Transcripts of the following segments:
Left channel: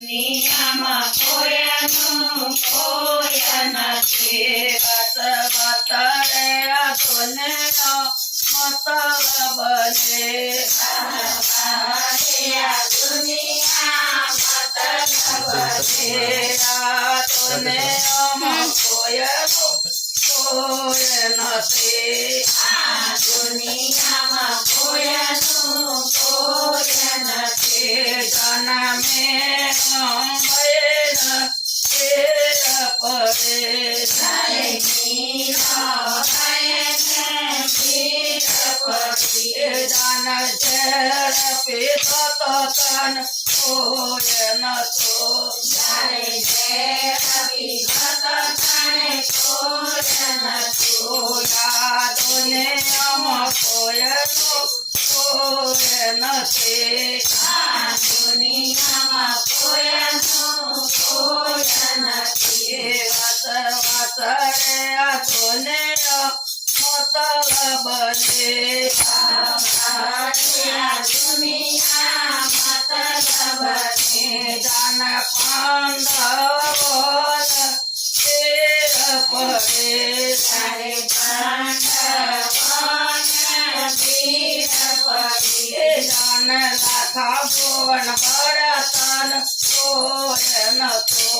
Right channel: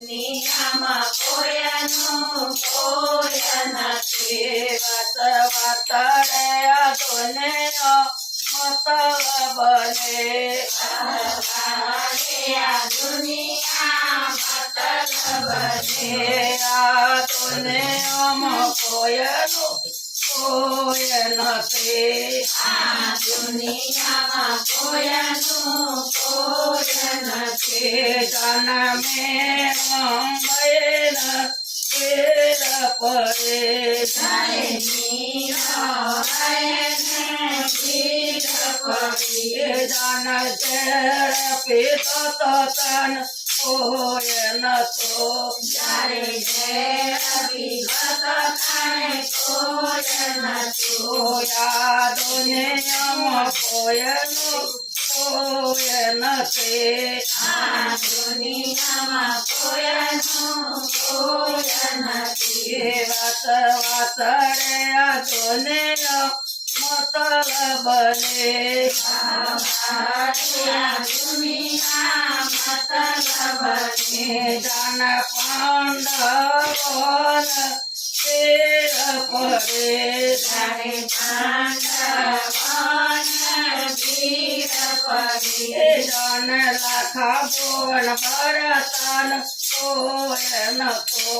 દુનિયામાં કોઈનું કોઈ નથી. વાત વાતરે આ દુનિયા મતલબ ને આ દુનિયા મતલબ ને આ દુનિયામાં કોઈનું કોઈ નથી. આ દુનિયામાં કોઈનું કોઈ નથી. જન્મે દુનિયામાં કોઈનું કોઈ નથી. આ દુનિયામાં કોઈનું કોઈ નથી. વાત વાતરે આ દુનિયા મતલબ ને આ દુનિયા મતલબ ને જાન પાંડવોન તેર પડે જાણે પાંડવોન તીર પડે જાન લાખા ભુવન ભરતન કોઈ નતો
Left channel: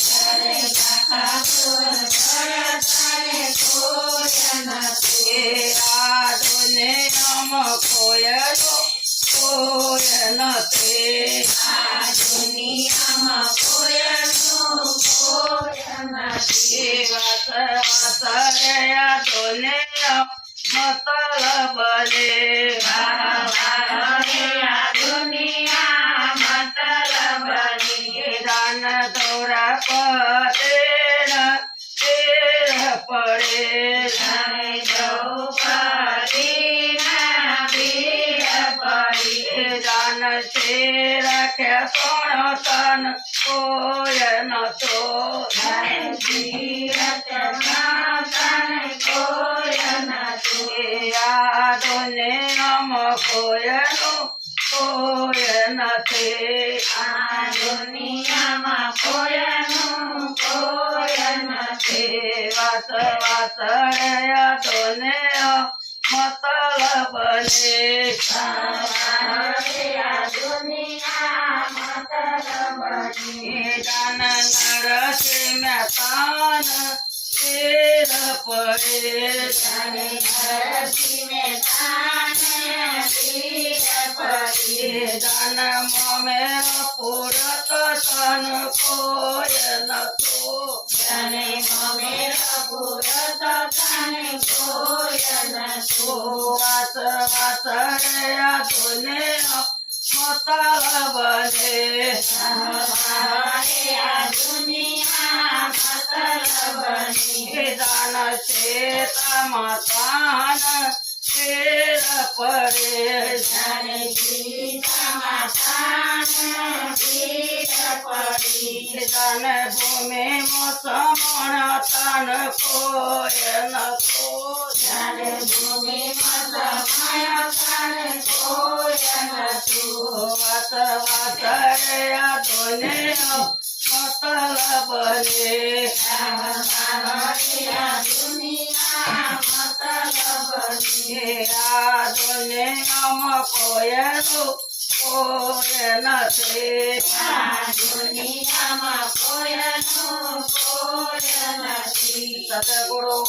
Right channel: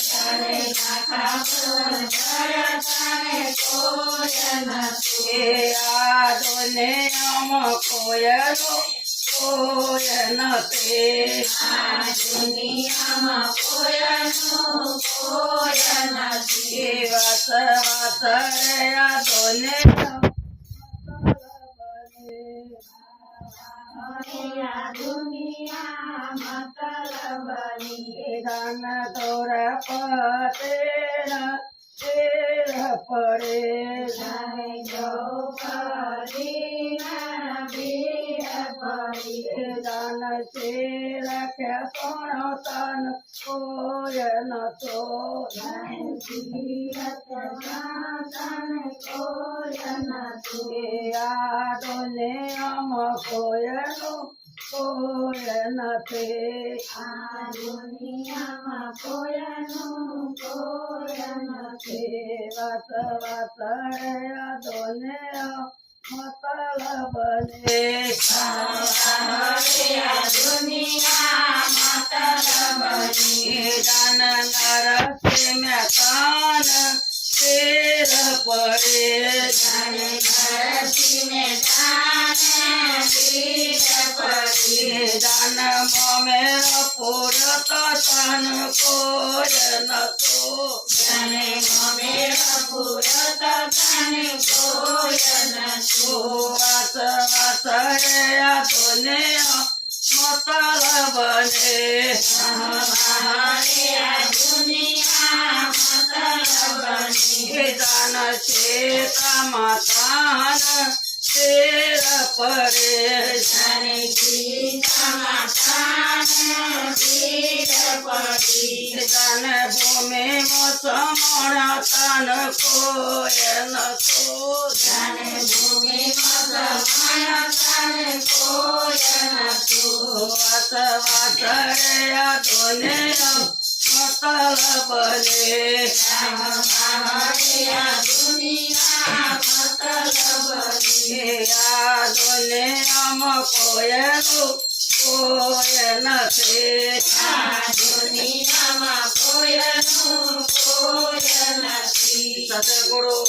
જાણે લાખા ભુવન ભરતન કોઈ નથી. આ દુનિયામાં કોઈનું કોઈ નથી. આ દુનિયામાં કોઈનું કોઈ નથી. વાત વાતરે આ દુનિયા મતલબ ને આ દુનિયા મતલબ ને દાન દોરા પડે પડે જાન છે રાખ્યા સોણતન કોઈ નતો કોઈ નથી. આ દુનિયામાં કોઈનું કોઈ નથી. આ દુનિયામાં કોઈનું કોઈ નથી. વાત વાતરે આ દુનિયા મતલબ ને આ દુનિયા મતલબ ને જાન નરસિંહ મહેતાન તેર પડે જાને નરસિંહ મહેતાન તીર પડે જાન મોમેર પુરત તન કોઈ નતો જાને મોમેર પુરત તન કોઈ નતો. વાત વાતરે આ દુનિયા મતલબ ને આ દુનિયા મતલબ ને જાન સીતા માતાન તેર પડે જાણે સીતા માતાન તીર પડે જાન ભૂમિ સમણ તન કોઈ નતો જાણે ભૂમિ સમણ તન કોઈ નતો. વાત વાતરે આ દુનિયા મતલબ ને આ દુનિયા મતલબ ને આ દુનિયામાં કોઈનું કોઈ નથી. આ દુનિયામાં કોઈનું કોઈ નથી. સતગુરુ